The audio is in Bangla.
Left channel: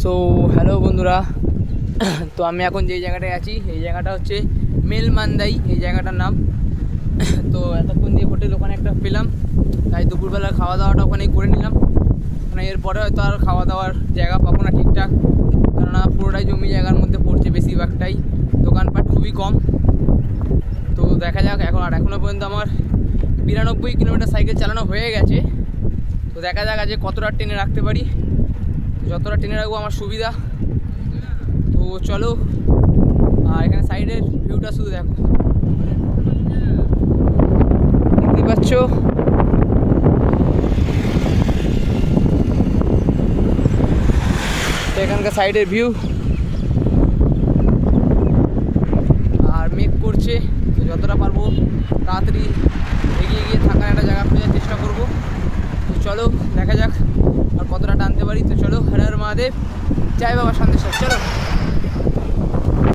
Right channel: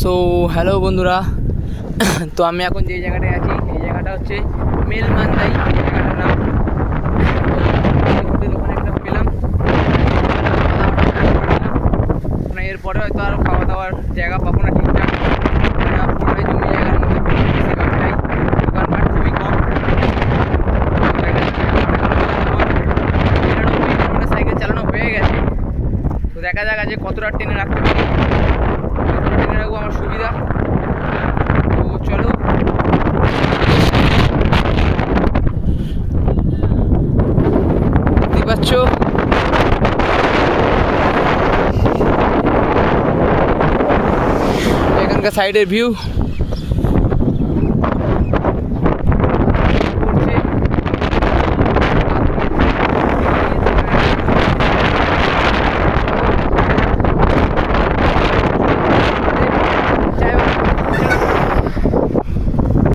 সো হ্যালো বন্ধুরা। তো আমি এখন যে জায়গাটায় আছি এই জায়গাটা হচ্ছে মেলমান্দাই, এই জায়গাটার নাম। তো হোটেল ওখানে একটা পেলাম, তাই দুপুরবেলা খাওয়া দাওয়াটা ওখানেই করে নিলাম। মানে এরপরে হয়তো আর খাওয়া দাওয়ার জায়গা পাবো না ঠিকঠাক, কেননা পুরোটাই জমি জায়গার মধ্যে পড়ছে, বেশিরভাগটাই দোকানপাট খুবই কম। তো দেখা যাক, এখনও পর্যন্ত আমার 99 কিলোমিটার সাইকেল চালানো হয়ে গেছে। তো দেখা যাক আজকে কতটা টেনে রাখতে পারি, যতটা টেনে রাখবো আমার সুবিধা। তো চলো দেখতে পাচ্ছ তো ওখানকার সাইডের ভিউ।